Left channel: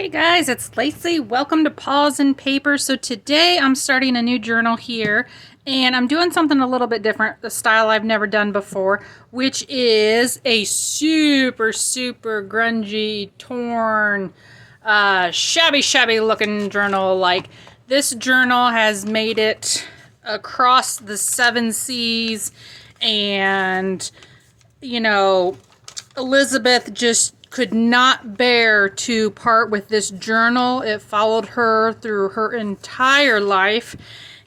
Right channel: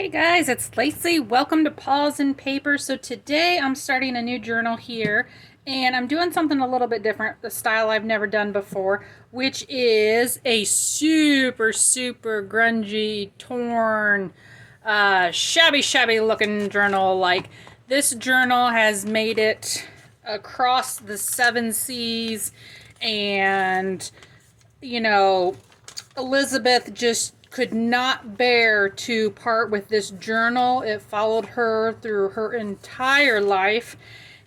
Hey guys, it's Lacey. Welcome to Paws and Paper. So today I'm starting a new journal here and I'm doing something a little bit different, the style I've never done before, which is a super grungy, torn, shabby looking journal. Like this journal has made it across the 7 seas, and Elizabeth just could not bear to part with this journal. It followed her through her entire life,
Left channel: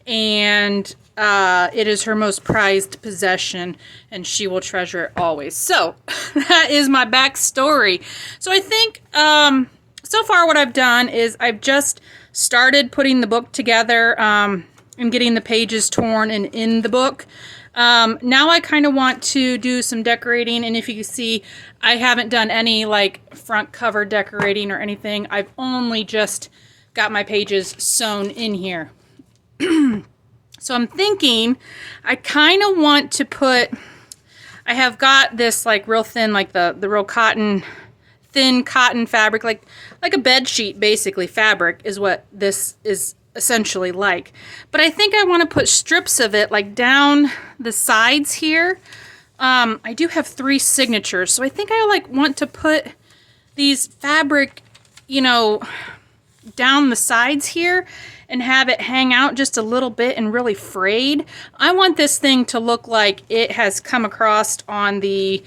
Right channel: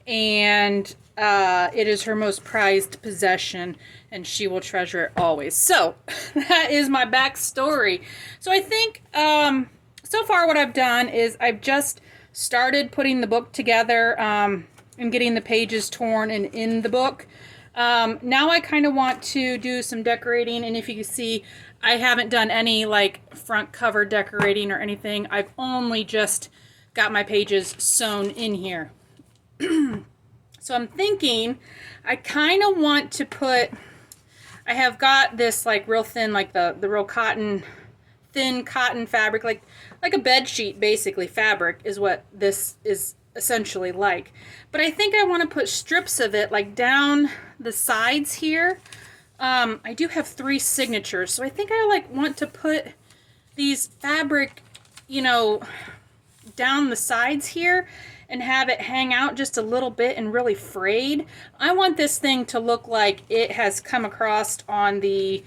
and it is her most prized possession, and she will treasure it always. So that is my backstory. So I think so far what I've done is I've just started putting the book together and getting the pages torn and in the book. Now I kind of want to do some decorating, and if you can see, I haven't done any like front cover decorating or anything. I've only just got my pages sewn in here. So I'm thinking I kind of want to put, I have got this like real thin, like the real cotton, thin cotton fabric, like a bed sheet basically fabric is what this is essentially like. But I think I want to put strips of it like down the sides here. I do have 3 signatures, so I think I like want to put these fabric, down the sides here and have it hang out just a little bit and really frayed. I want this thing to look like it has come across on the,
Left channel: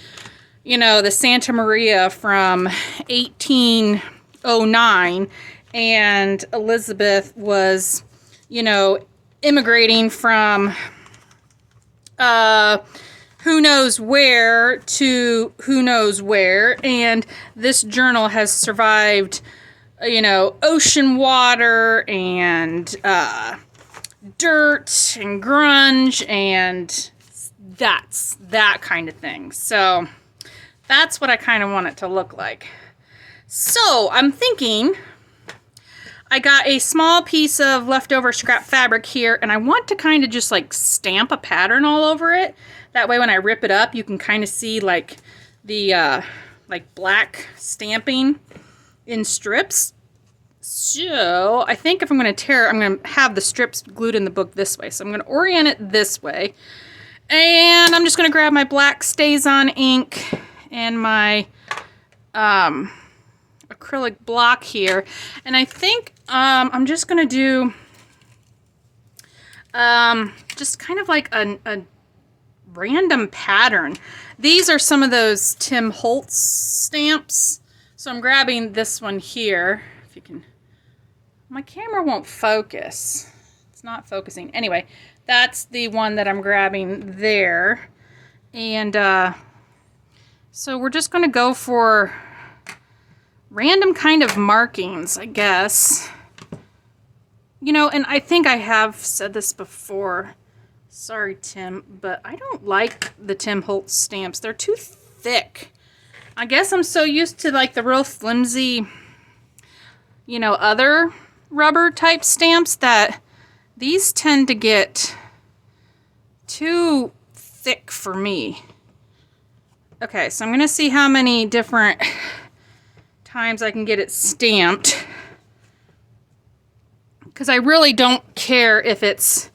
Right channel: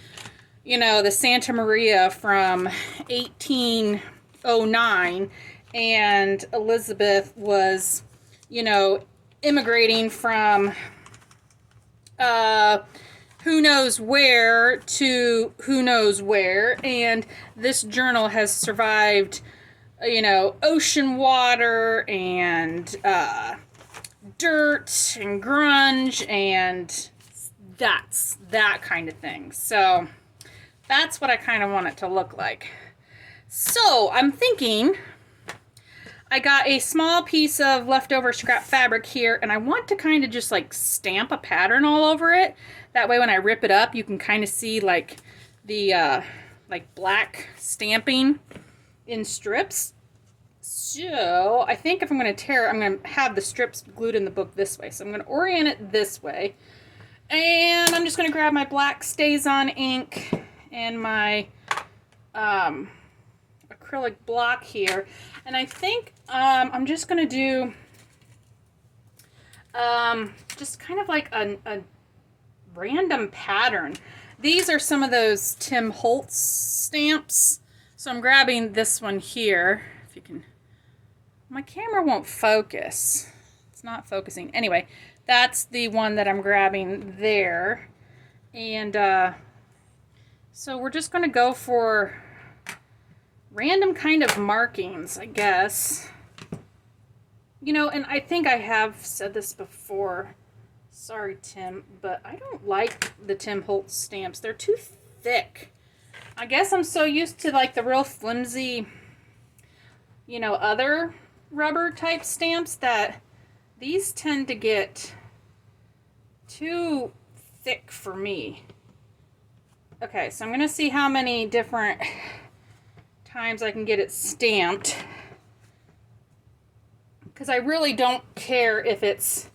the Santa Maria from 1809, and Elizabeth was, immigrating from who knows where to who knows where, and this journal has survived, ocean water and dirt and grunge, and that's that kind of thing. So that's what I kind of want it to look like. So I'm thinking I got a small piece of leftover scrap fabric here, and I want to kind of just like stamp a pattern all over it. That way when I rip it up, you can kind of see like the like black stamping in strips. So I think if I'm going to tear, I'm going to have the strips glued in the book this way. So I'm going to orient it this way. And I'm just going to grab my black StazOn ink and my acrylic block here. And I think I'm just going to do just kind of like a random pattern. These are some of those Tim Holtz stamps. So I'm grabbing this one here. If you can, my camera won't focus. It's not focusing. Anyway, that's the one that I'm grabbing there. And so we're just going to go for random kind of markings, I guess. And I think I have said this before. Sorry, Tim, but I don't like the Tim Holtz stamps. They're too thick. I guess I'm so used to like the real flimsy, other rubber type stamps that these tend to get too thick for me. Okay, so I'm going to see how many different times I can get it stamped, because I really don't care if it's,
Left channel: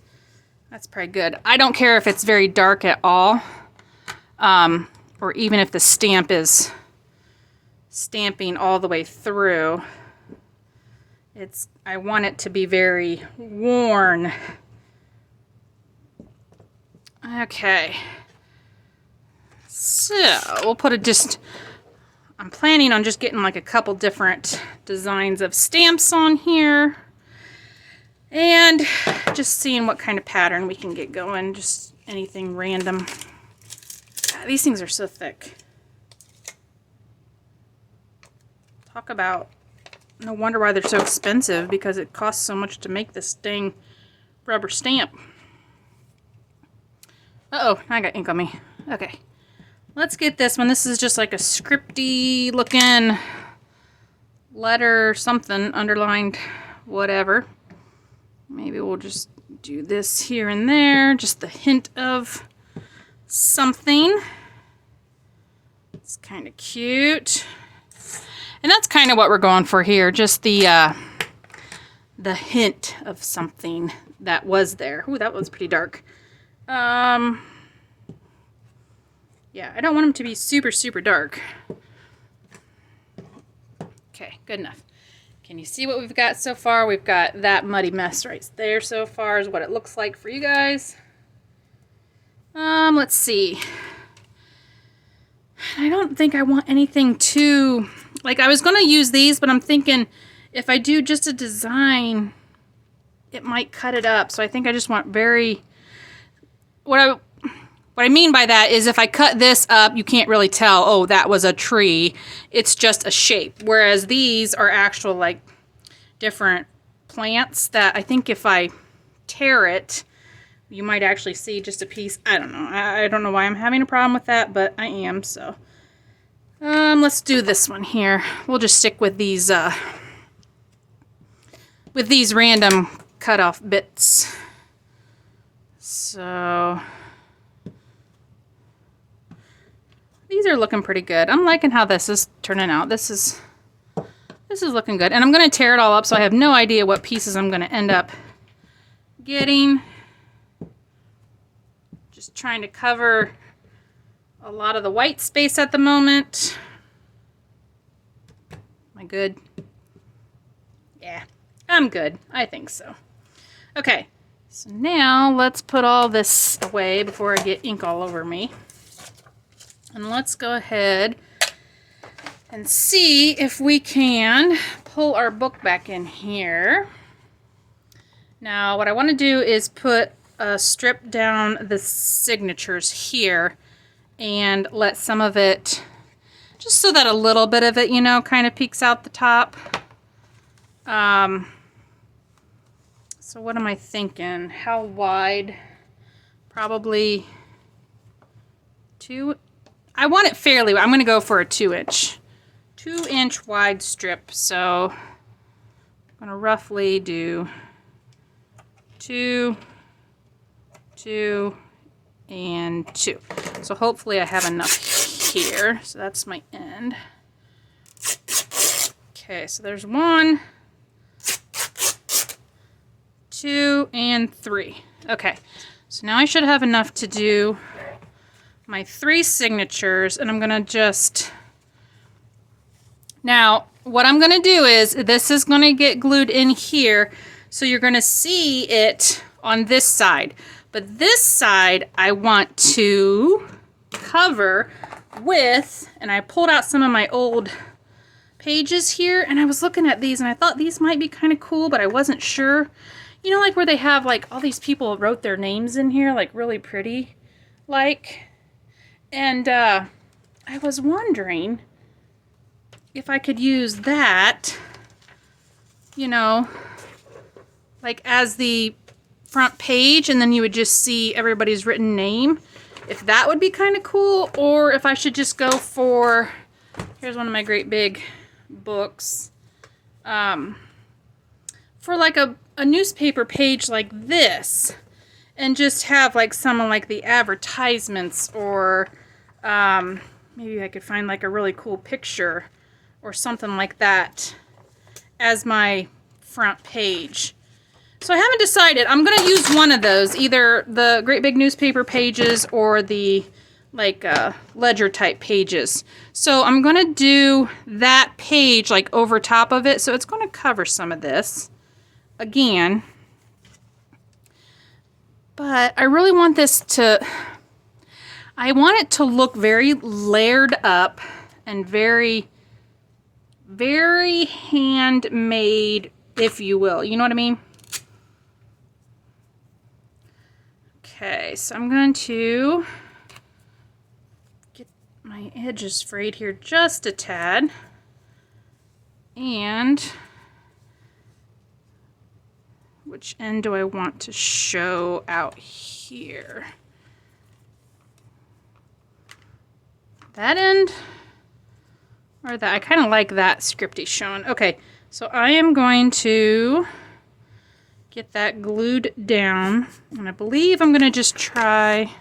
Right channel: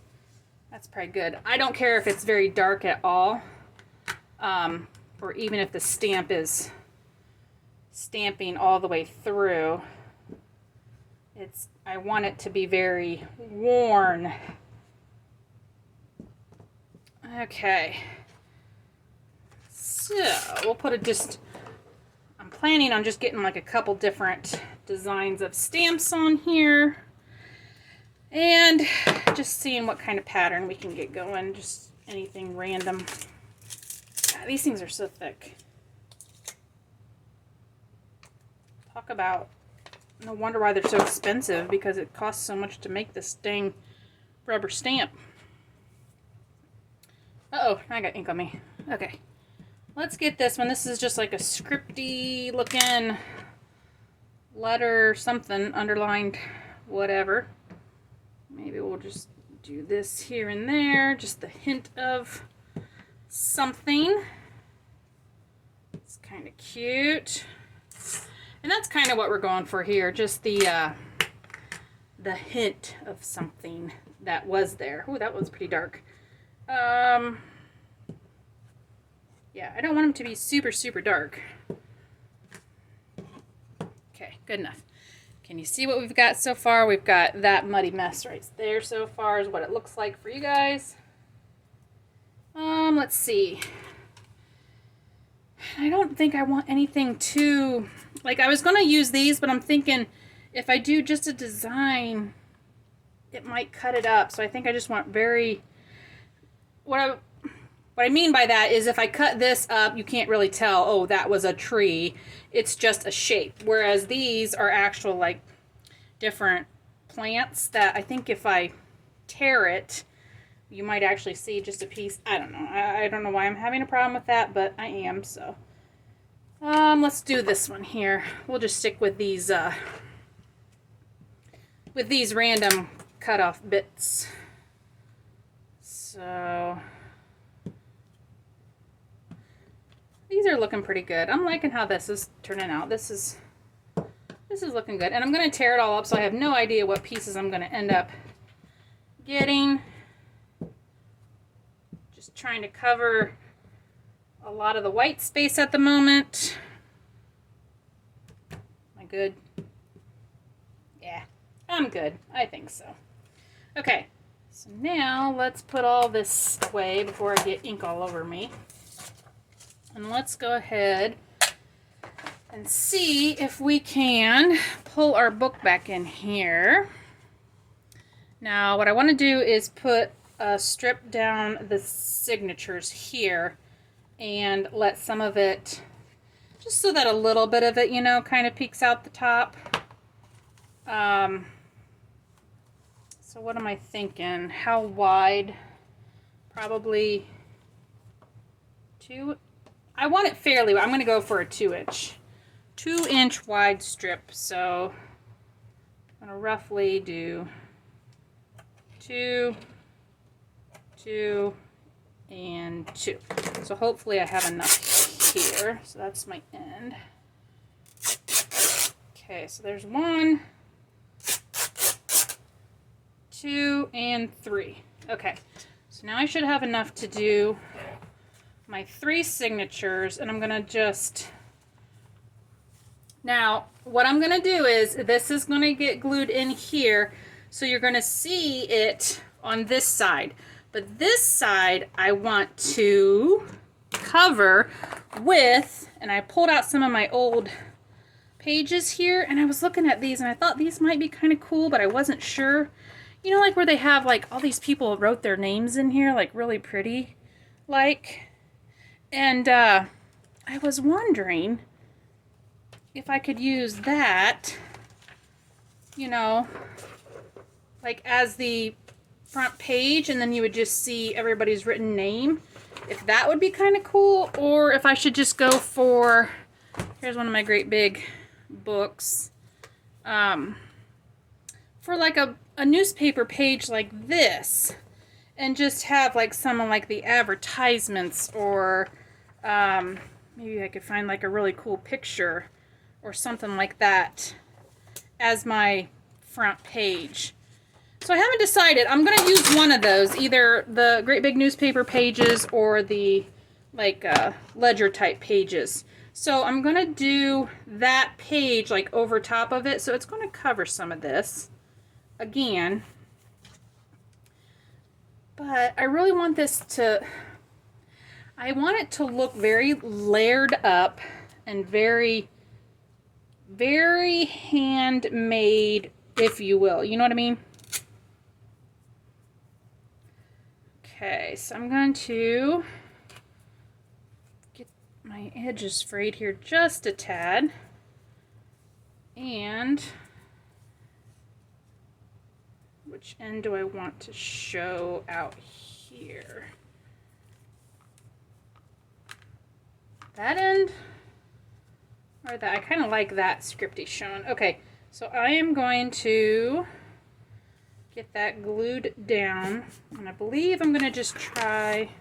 that's probably good. I don't care if it's very dark at all, or even if the stamp is stamping all the way through. I want it to be very worn. Okay. So we'll put it I'm planning on just getting like a couple different designs of stamps on here, and just seeing what kind of pattern we can get going. Just anything random. God, these things are so thick. Talk about, no wonder why they're so expensive, because it costs so much to make this dang rubber stamp. Uh-oh, I got ink on me. Okay. Let's get this one. This is just like a scripty looking letter, something underlined, whatever. Maybe we'll just do this here and there, just a hint of something. It's kind of cute. And that's kind of what we're going for here, just the hint of something that was there. Ooh, that was pretty dark. Yeah, I don't want them to be super, super dark. Okay, good enough. Can you see what we've got so far? We've got that muddy mess right there so far is what it looks like for you guys. Let's see. I don't think I want anything too, like I was going to use these, but I'm thinking if I do just a design, it might cut it up. So I think I just want very, what I mean by that is if I cut this up, you can't really tell, oh, that was a tree. It's just a shape. Whereas these are actual like different plants that I think if I tear it, you might actually see just a piece. I don't know. I don't know why I'm having a problem with that, but I am. So let's do this one here. We'll just stick with these random cut off bits. So these are looking pretty good. I'm liking how this is turning out. This is looking good. And I'm going to tear it all up so I have no idea what pieces I'm going to end up getting. Just trying to cover a lot of the white space at the moment. Am I good? Yeah, I'm good. I think so. Okay, so now let's put all this away before I get ink all over me. And let's go ahead and see if we can pull our book back in here. Now, what I want to do is strip down the signatures here and let some of it, just so that a little bit of it, you know, kind of peeks out the top. So what am I thinking? How wide? Probably 2. I want it fairly wide. I'm going to go for a 2-inch. 2-inch wide strip. So I'm going to roughly do 2, 2, and 2. So hopefully I have enough here. So that's my end. Okay, so there's 1, 2, and 3. Okay, so now I should have enough to do my 3 signatures, and I'm gonna just, now what I'm gonna do is this is gonna get glued in here, so you're gonna see it on this side. But this side I want to cover with, and I pulled out some of my old pages here, and I was looking at these and I thought these might be kind of cool, but I wasn't sure. You know, like where they have like all these people wrote their names in here, like really pretty, like. And I was wondering if I could use that, you know, like as the front page, and then you would just see everybody's written name. If that would be kind of cool, or if I should just go for, here's one of my great big books, for like a newspaper page like this, and just have like some of like the advertisements, or maybe I could find like a really cool picture or something like that as my front page. So I haven't decided. I'm going to use one of those, either the great big newspaper pages or the like ledger type pages. So I'm going to do that page like over top of it. So it's going to cover some of this again. But I really want this to, I want it to look very layered up and very, very handmade, if you will. You know what I mean? Okay, so I'm going to get my edges frayed here just a tad. And which end do I want to show out here? That end or that? I kind of like that scripty showing. Okay, so I am going to get that glued down, and I believe I'm going to just try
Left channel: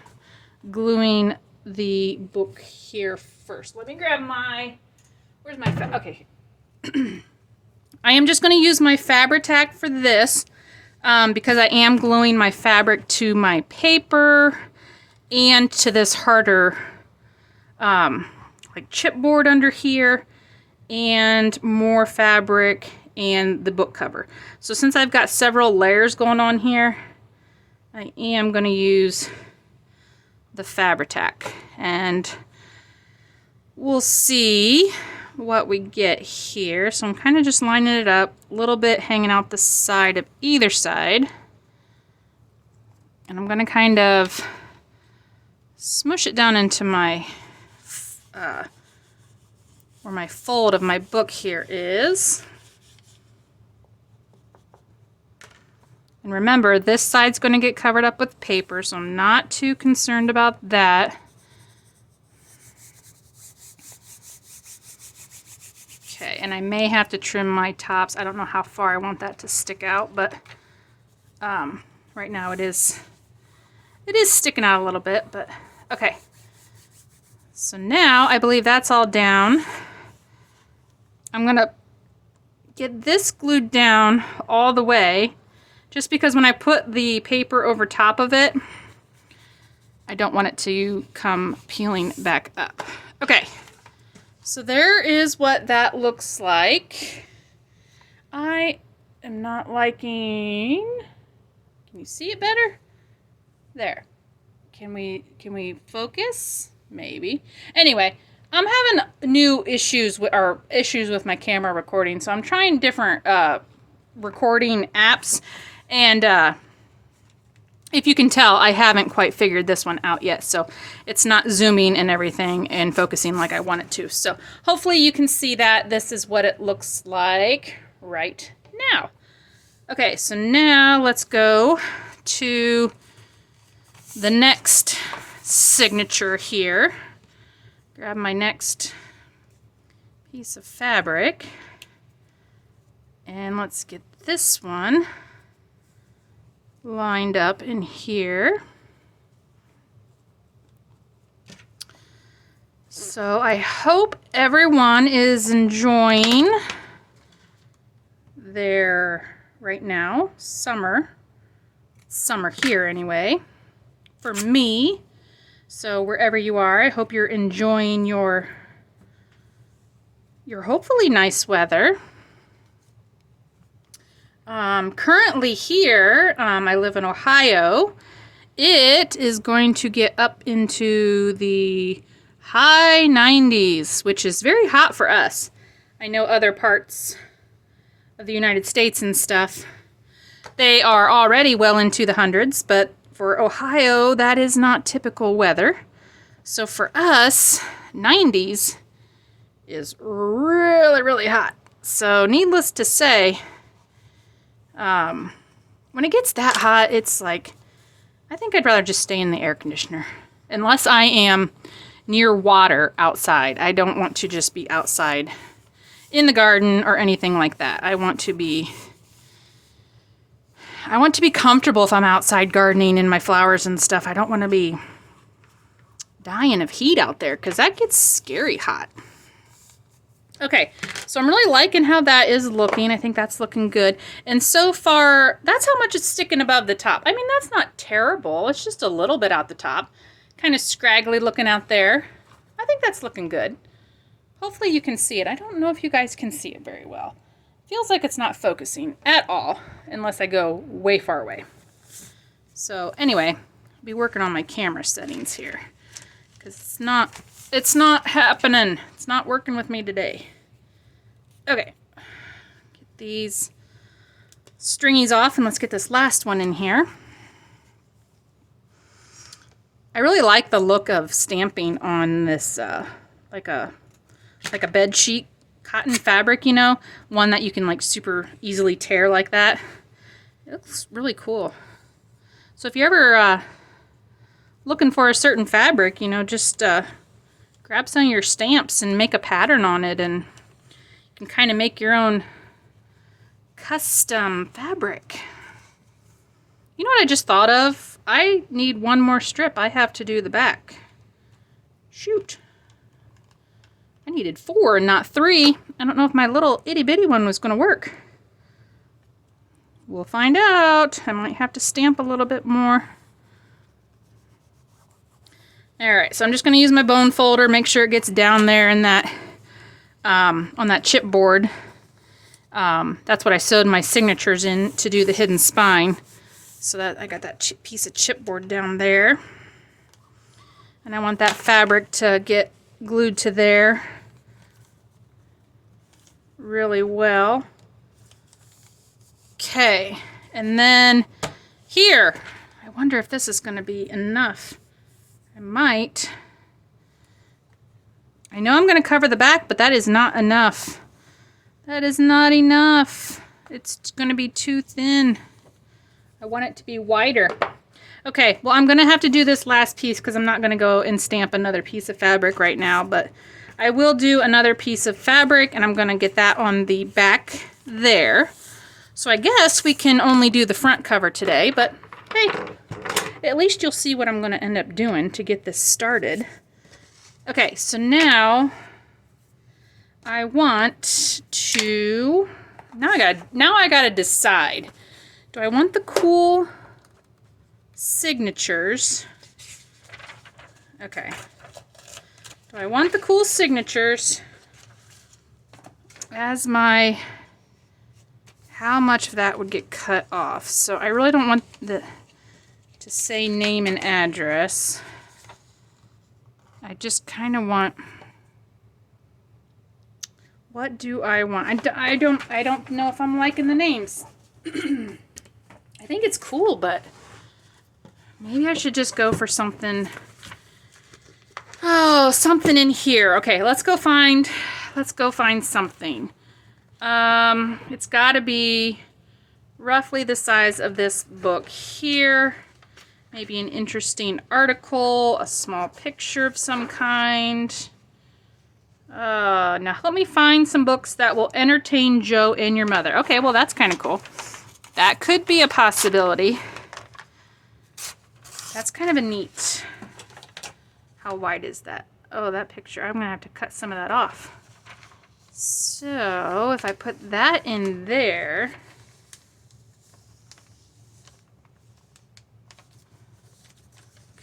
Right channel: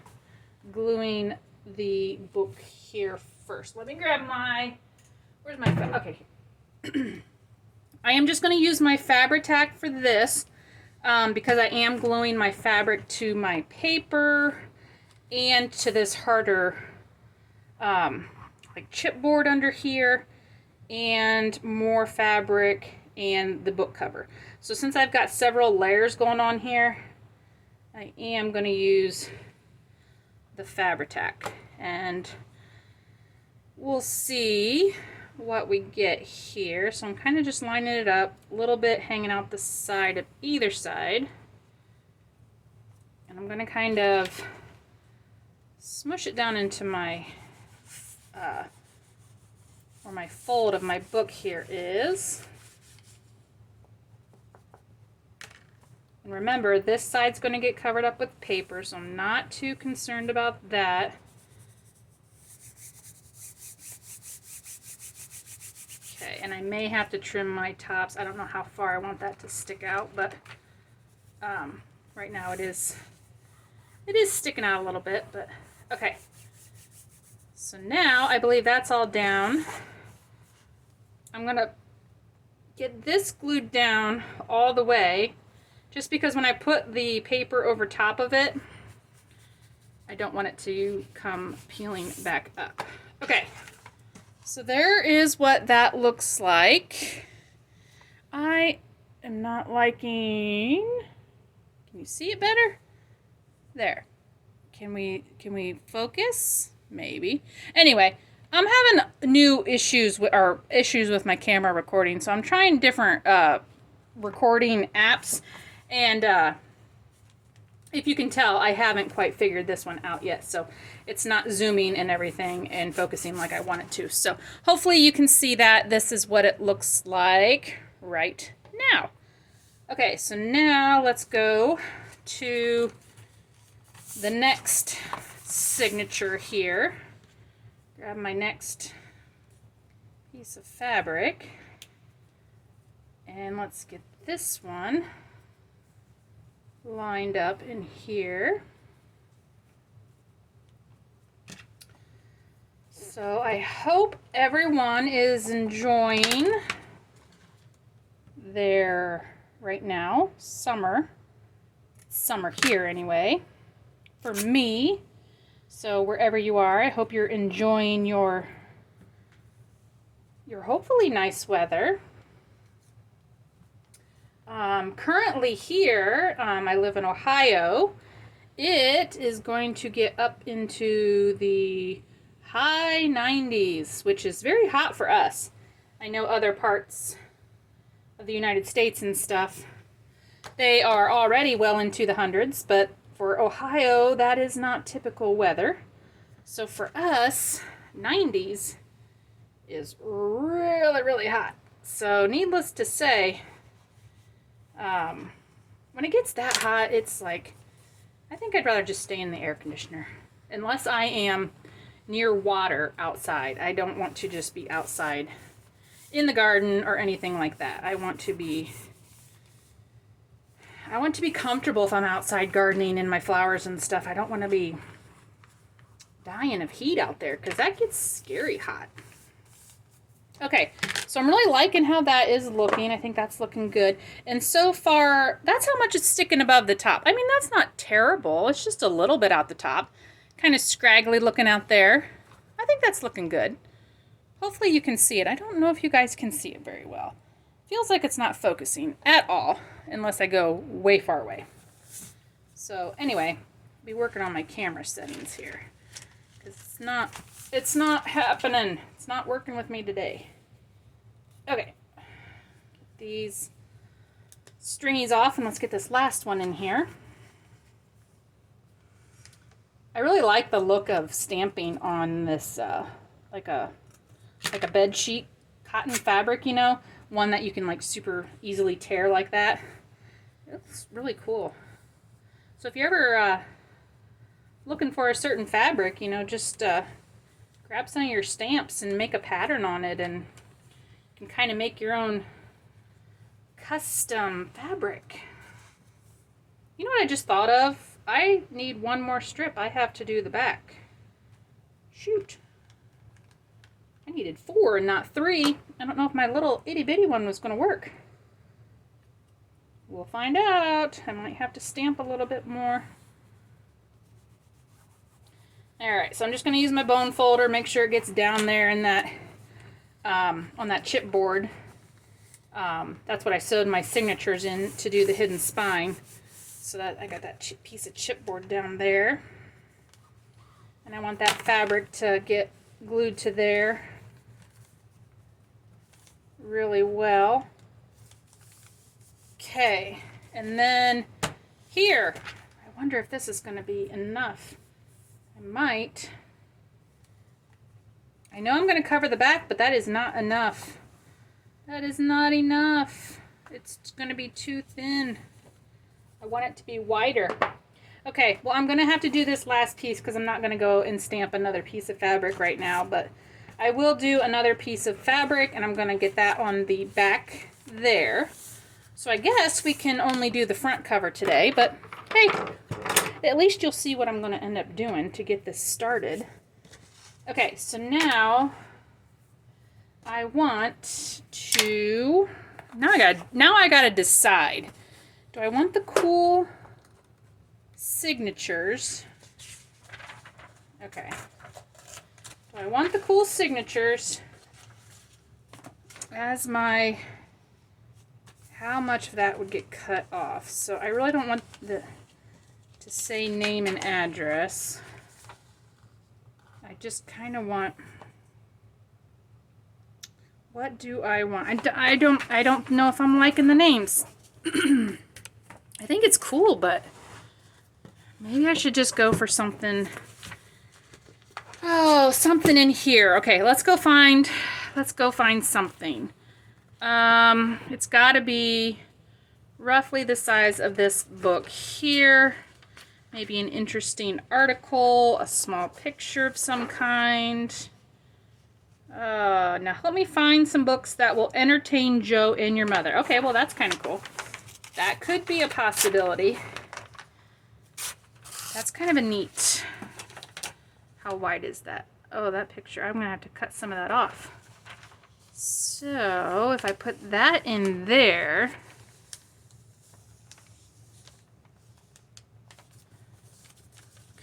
gluing the book here first. Let me grab my, where's my, okay, I am just going to use my Fabri-Tac for this because I am gluing my fabric to my paper and to this harder like chipboard under here, and more fabric and the book cover. So since I've got several layers going on here, I am going to use the Fabri-Tac, and we'll see what we get here. So I'm kind of just lining it up, a little bit hanging out the side of either side, and I'm going to kind of smush it down into my where my fold of my book here is. And remember, this side's going to get covered up with paper, so I'm not too concerned about that. Okay, and I may have to trim my tops. I don't know how far I want that to stick out, but right now it is sticking out a little bit, but okay. So now I believe that's all down. I'm going to get this glued down all the way, just because when I put the paper over top of it, I don't want it to come peeling back up. Okay, so there is what that looks like. I am not liking, can you see it better? There. Can we focus? Maybe. Anyway, I'm having new issues with my camera recording, so I'm trying different recording apps, and if you can tell, I haven't quite figured this one out yet, so it's not zooming and everything and focusing like I want it to. So hopefully you can see that this is what it looks like right now. Okay, so now let's go to the next signature here. Grab my next piece of fabric, and let's get this one lined up in here. So I hope everyone is enjoying their, right now, summer here anyway, for me. So wherever you are, I hope you're enjoying your hopefully nice weather. Currently here, I live in Ohio. It is going to get up into the high 90s, which is very hot for us. I know other parts of the United States and stuff, they are already well into the hundreds, but for Ohio, that is not typical weather. So for us, 90s is really, really hot. So needless to say, when it gets that hot, it's like, I think I'd rather just stay in the air conditioner. Unless I am near water outside. I don't want to just be outside in the garden or anything like that. I want to be comfortable if I'm outside gardening in my flowers and stuff. I don't want to be dying of heat out there, because that gets scary hot. Okay, so I'm really liking how that is looking. I think that's looking good. And so far, that's how much it's sticking above the top. I mean, that's not terrible. It's just a little bit out the top. Kind of scraggly looking out there. I think that's looking good. Hopefully you can see it. I don't know if you guys can see it very well. Feels like it's not focusing at all, unless I go way far away. So anyway, I'll be working on my camera settings here, because it's not happening. It's not working with me today. Okay, get these stringies off, and let's get this last one in here. I really like the look of stamping on this, like a bed sheet cotton fabric, you know, one that you can like super easily tear like that. It looks really cool. So if you're ever looking for a certain fabric, you know, just grab some of your stamps and make a pattern on it, and you can kind of make your own custom fabric. You know what I just thought of? I need one more strip. I have to do the back. Shoot. I I needed 4 and not 3. I don't know if my little itty bitty one was going to work. We'll find out. I might have to stamp a little bit more. Alright, so I'm just going to use my bone folder, make sure it gets down there in that, on that chipboard. That's what I sewed my signatures in to do the hidden spine. So that I got that piece of chipboard down there. And I want that fabric to get glued to there really well. Okay, and then here, I wonder if this is going to be enough. I might. I know I'm going to cover the back, but that is not enough. That is not enough. It's going to be too thin. I want it to be wider. Okay, well, I'm going to have to do this last piece because I'm not going to go and stamp another piece of fabric right now, but I will do another piece of fabric, and I'm going to get that on the back there. So I guess we can only do the front cover today, but hey, at least you'll see what I'm going to end up doing to get this started. Okay, so now I want to, now I gotta decide. Do I want the cool signatures? Okay. Do I want the cool signatures as my, how much of that would get cut off? So I really don't want to say name and address. I just kind of want, what do I want? I don't know if I'm liking the names. I think it's cool, but maybe I should just go for something. Oh, something in here. Okay, let's go find something. It's got to be roughly the size of this book here. Maybe an interesting article, a small picture of some kind. Now help me find some books that will entertain Joe and your mother. Okay, well that's kind of cool. That could be a possibility. That's kind of a neat. How wide is that? Oh, that picture. I'm going to have to cut some of that off. So if I put that in there,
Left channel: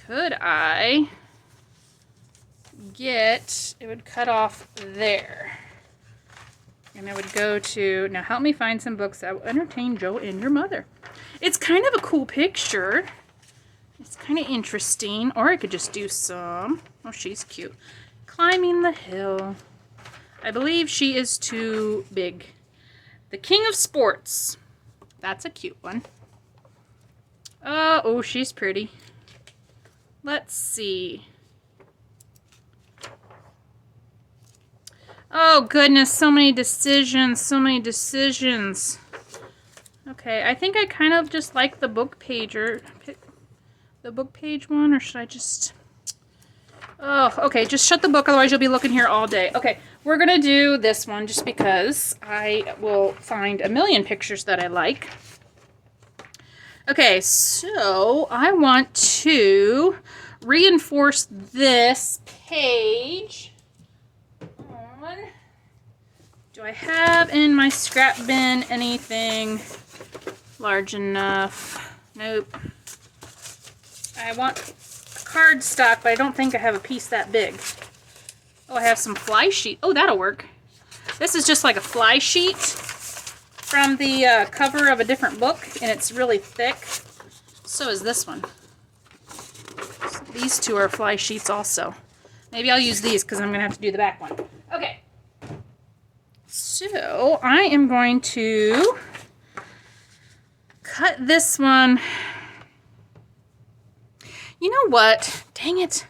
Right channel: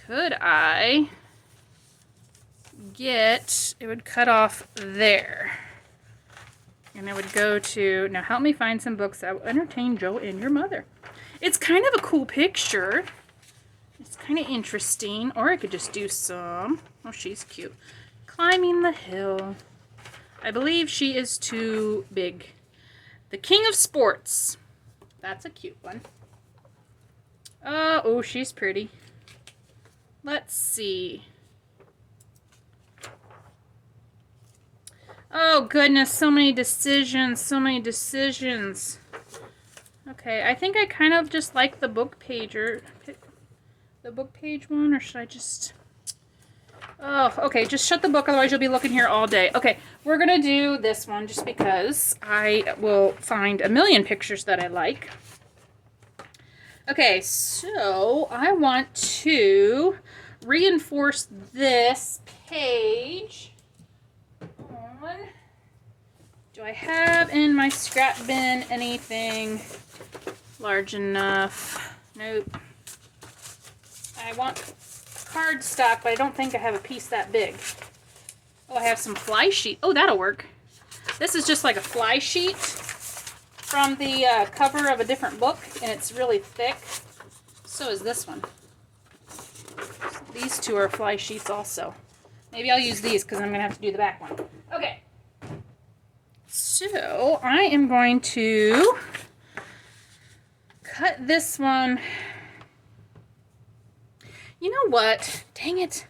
could I get, it would cut off there. And it would go to, now help me find some books that will entertain Joe and your mother. It's kind of a cool picture. It's kind of interesting. Or I could just do some, oh, she's cute. Climbing the hill. I believe she is too big. The King of Sports. That's a cute one. Oh, she's pretty. Let's see. Oh goodness, so many decisions, so many decisions. Okay, I think I kind of just like the book page one, or should I just... Oh, okay, just shut the book, otherwise you'll be looking here all day. Okay, we're gonna do this one just because I will find a million pictures that I like. Okay, so I want to reinforce this page. Do I have in my scrap bin anything large enough? Nope. I want cardstock, but I don't think I have a piece that big. Oh, I have some fly sheet. Oh, that'll work. This is just like a fly sheet from the cover of a different book, and it's really thick. So is this one. So these two are fly sheets also. Maybe I'll use these because I'm going to have to do the back one. Okay. So I am going to cut this one. You know what? Dang it.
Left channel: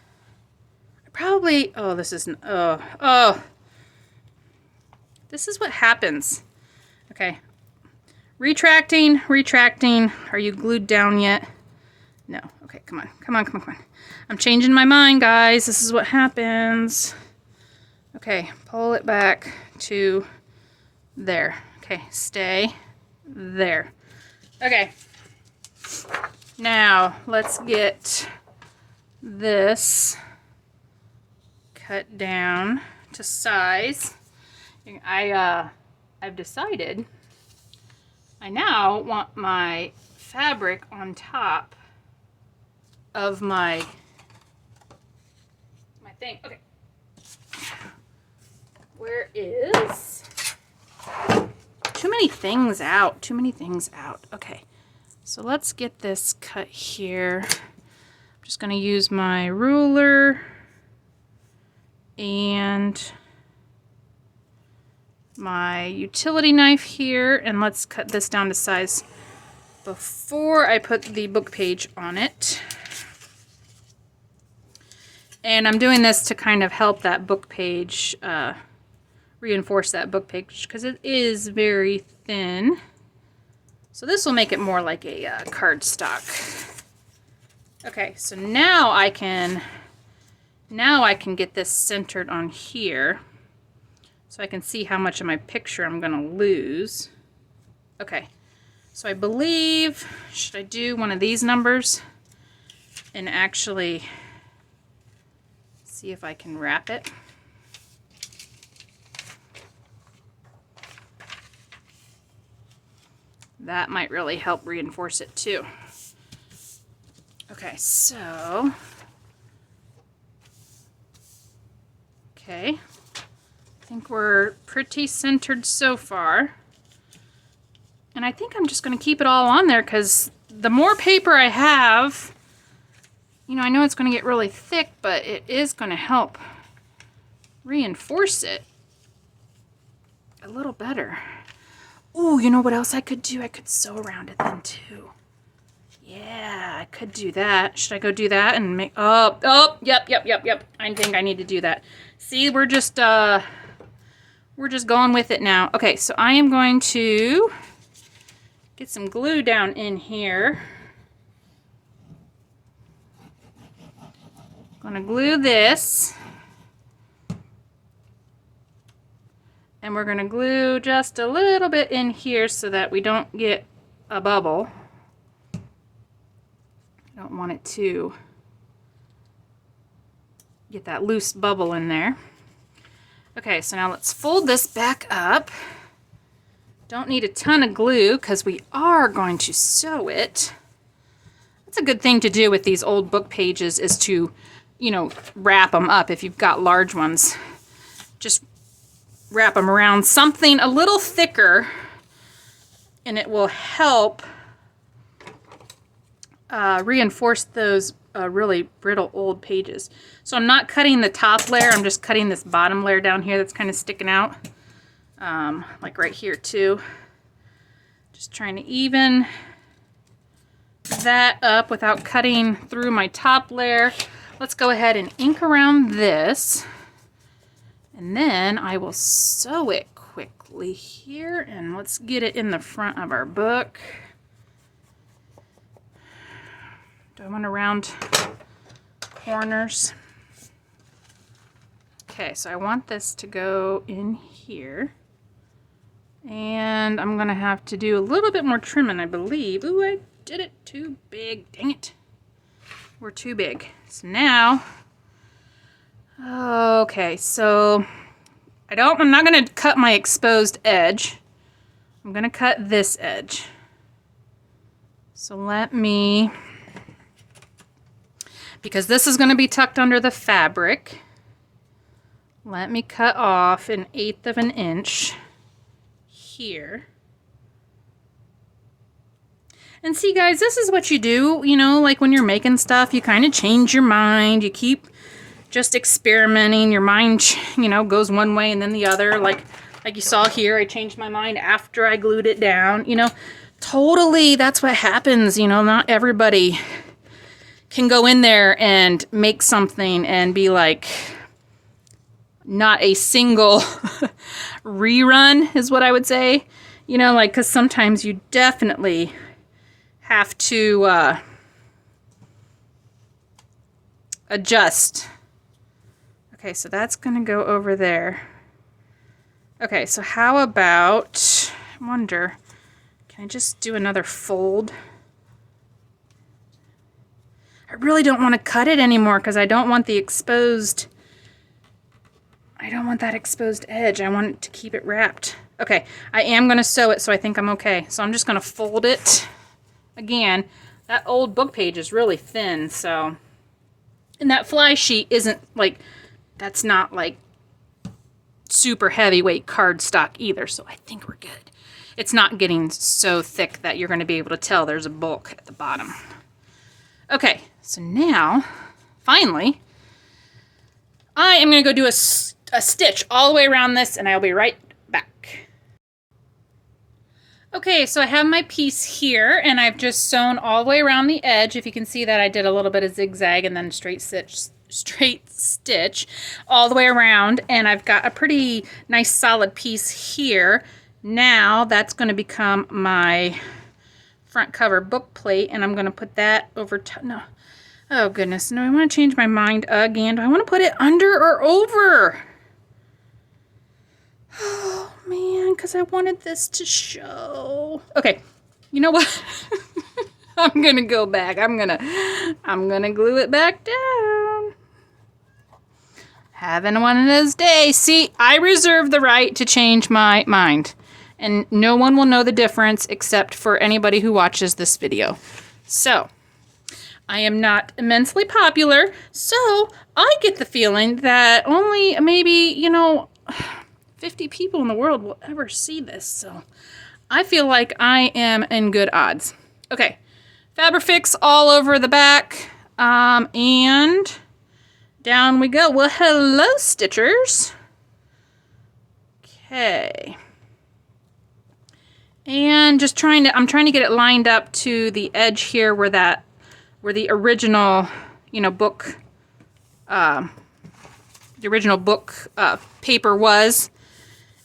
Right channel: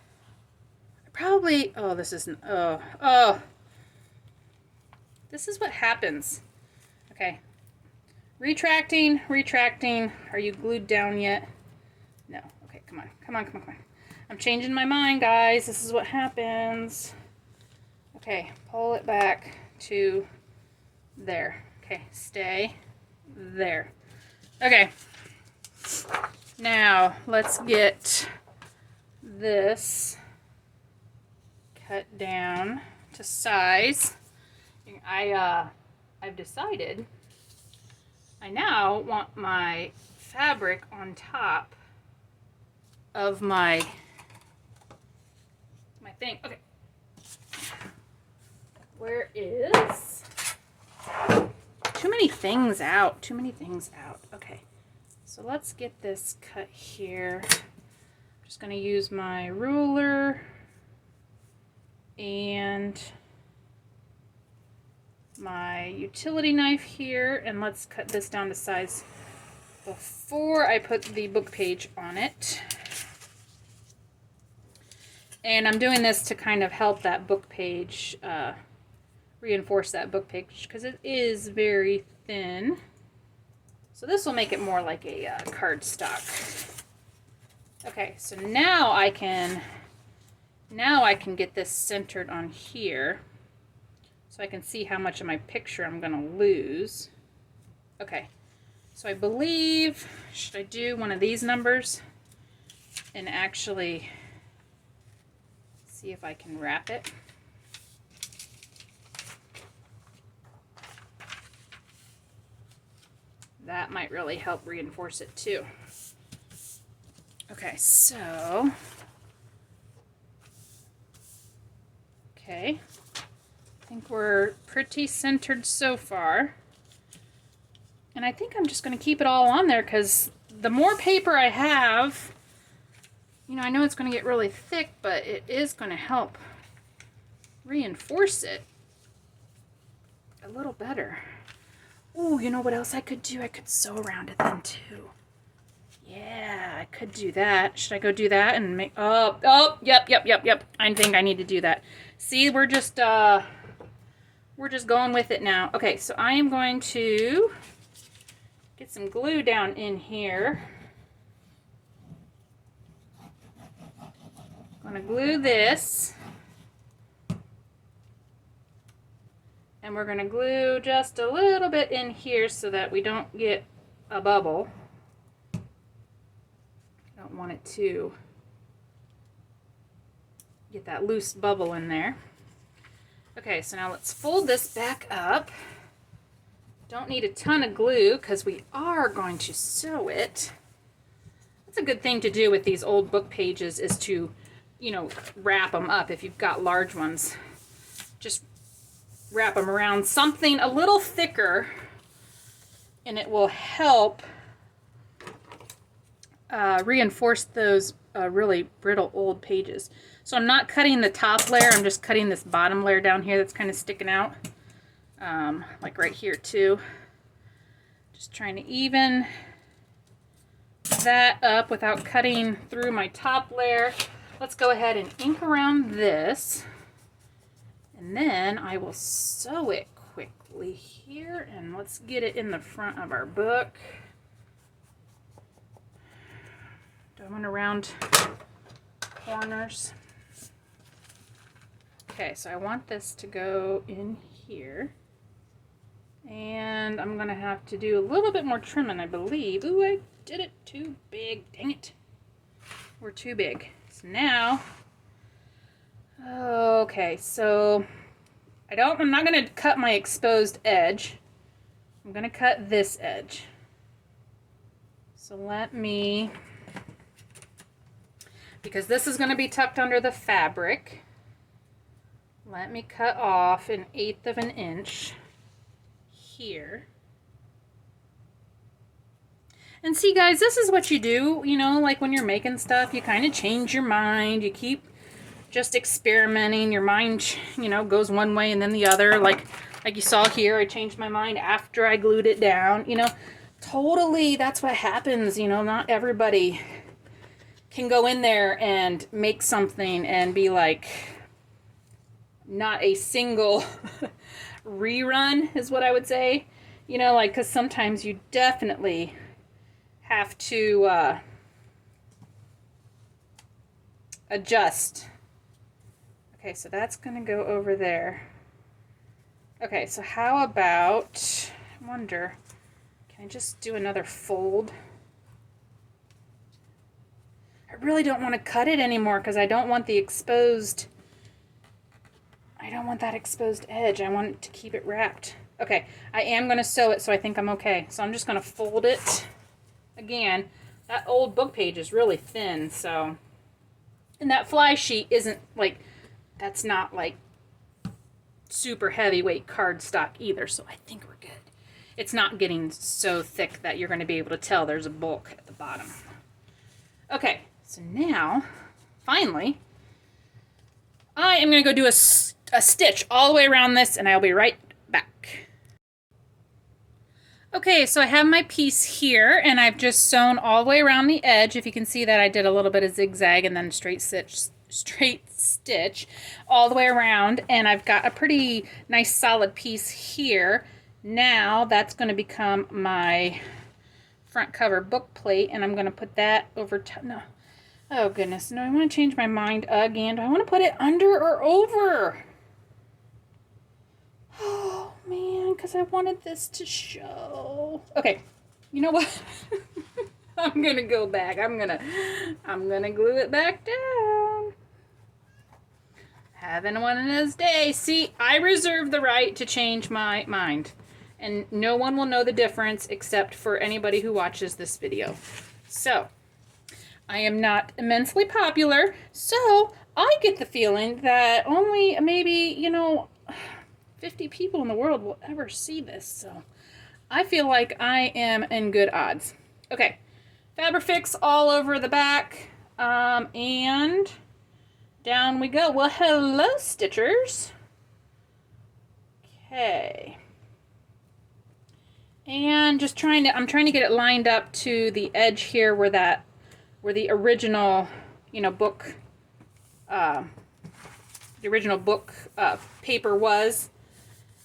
Probably, oh, this isn't, oh. This is what happens. Okay. Retracting. Are you glued down yet? No. Okay, come on. I'm changing my mind, guys. This is what happens. Okay, pull it back to there. Okay, stay there. Okay. Now, let's get this cut down to size. I've decided I now want my fabric on top of my thing. Okay. Where is... Too many things out. Too many things out. Okay. So let's get this cut here. I'm just going to use my ruler and my utility knife here, and let's cut this down to size before I put the book page on it. And I'm doing this to kind of help that book page, reinforce that book page, because it is very thin. So this will make it more like a cardstock. Okay, so now I can get this centered on here, so I can see how much of my picture I'm going to lose. Okay, so I believe, should I do one of these numbers and actually see if I can wrap it? That might really help reinforce it too. Okay, so, okay, I think we're pretty centered so far. And I think I'm just going to keep it all on there, because the more paper I have, you know, I know it's going to get really thick, but it is going to help reinforce it a little better. Ooh, you know what else I could do? I could sew around it then too. Yeah, I could do that. Should I go do that and make... Oh, yep. I think I need to do that. See, we're just going with it now. Okay, so I am going to get some glue down in here. I'm going to glue this. And we're going to glue just a little bit in here so that we don't get a bubble. I don't want it to get that loose bubble in there. Okay, so now let's fold this back up. Don't need a ton of glue because we are going to sew it. That's a good thing to do with these old book pages, is to, you know, wrap them up if you've got large ones. Just wrap them around something a little thicker, and it will help reinforce those really brittle old pages. So I'm not cutting the top layer, I'm just cutting this bottom layer down here that's kind of sticking out, like right here too. Just trying to even that up without cutting through my top layer. Let's go ahead and ink around this, and then I will sew it quickly here, and let's get it in the front of our book. Don't want to round corners. Okay, so I want this to go in here, and I'm going to have to do a little bit more trimming, I believe. Ooh, I did it too big. Dang it. We're too big. So now, okay, so I'm not going to cut my exposed edge. I'm going to cut this edge. So let me, because this is going to be tucked under the fabric, let me cut off 1/8 of an inch here. And see, guys, this is what you do, you know, like when you're making stuff, you kind of change your mind. You keep just experimenting. Your mind, you know, goes one way and then the other. Like you saw here, I changed my mind after I glued it down. You know, totally, that's what happens. You know, not everybody can go in there and make something and be like, not a single rerun is what I would say. You know, like, because sometimes you definitely have to adjust. Okay, so that's going to go over there. Okay, so how about, I wonder, can I just do another fold? I really don't want to cut it anymore because I don't want the exposed want that exposed edge. I want to keep it wrapped. Okay, I am going to sew it, so I think I'm okay. So I'm just going to fold it. Again, that old book page is really thin, so... And that fly sheet isn't, like, that's not, like, super heavyweight cardstock either, so I think we're good. It's not getting so thick that you're going to be able to tell there's a book at the bottom. Okay, so now, finally, I am going to go do a stitch all the way around this, and I'll be right back. Okay, so I have my piece here, and I've just sewn all the way around the edge. If you can see that, I did a little bit of zigzag and then straight stitch all the way around, and I've got a pretty nice solid piece here. Now that's going to become my front cover book plate, and I'm going to put that over top. No, oh goodness, no, I want to change my mind again. Do I want to put it under or over? Oh man, because I wanted this to show. Okay, you know what? I'm gonna go back. I'm gonna glue it back down. Having one of those days. See, I reserve the right to change my mind, and no one will know the difference except for anybody who watches this video. So, I am not immensely popular, so I get the feeling that only maybe, 50 people in the world will ever see this, so I feel like I am in good odds. Okay, Fabrifix all over the back, and down we go. Well, hello, Stitchers. Okay. And just I'm trying to get it lined up to the edge here where the original, book, the original book paper was.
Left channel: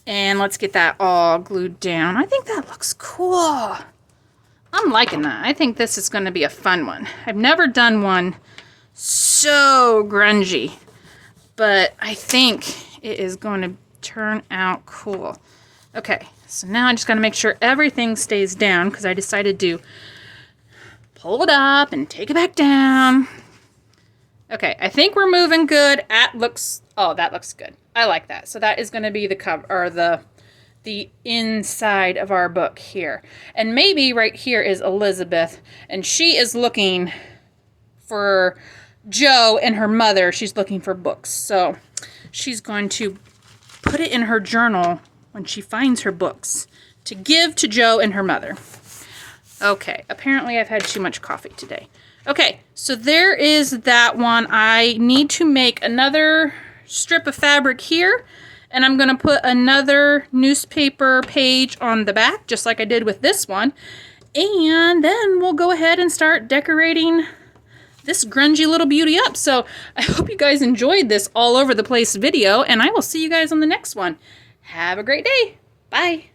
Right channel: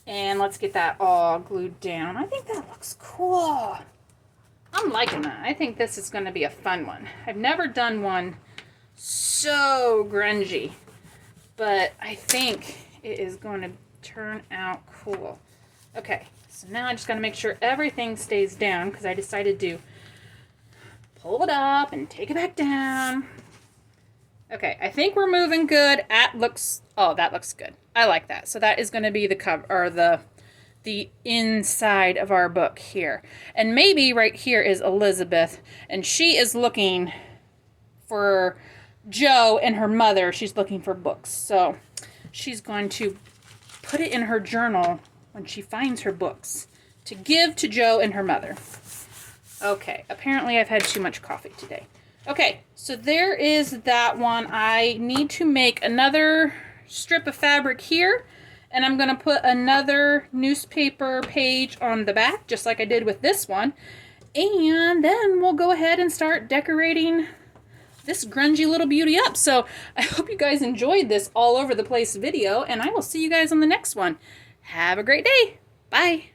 And let's get that all glued down. I think that looks cool. I'm liking that. I think this is going to be a fun one. I've never done one so grungy, but I think it is going to turn out cool. Okay, so now I just got to make sure everything stays down because I decided to pull it up and take it back down. Okay, I think we're moving good. Oh, that looks good. I like that. So that is going to be the cover, or the inside of our book here. And maybe right here is Elizabeth, and she is looking for Jo and her mother. She's looking for books. So she's going to put it in her journal when she finds her books to give to Jo and her mother. Okay, apparently I've had too much coffee today. Okay, so there is that one. I need to make another strip of fabric here, and I'm going to put another newspaper page on the back, just like I did with this one. And then we'll go ahead and start decorating this grungy little beauty up. So I hope you guys enjoyed this all over the place video, and I will see you guys on the next one. Have a great day. Bye.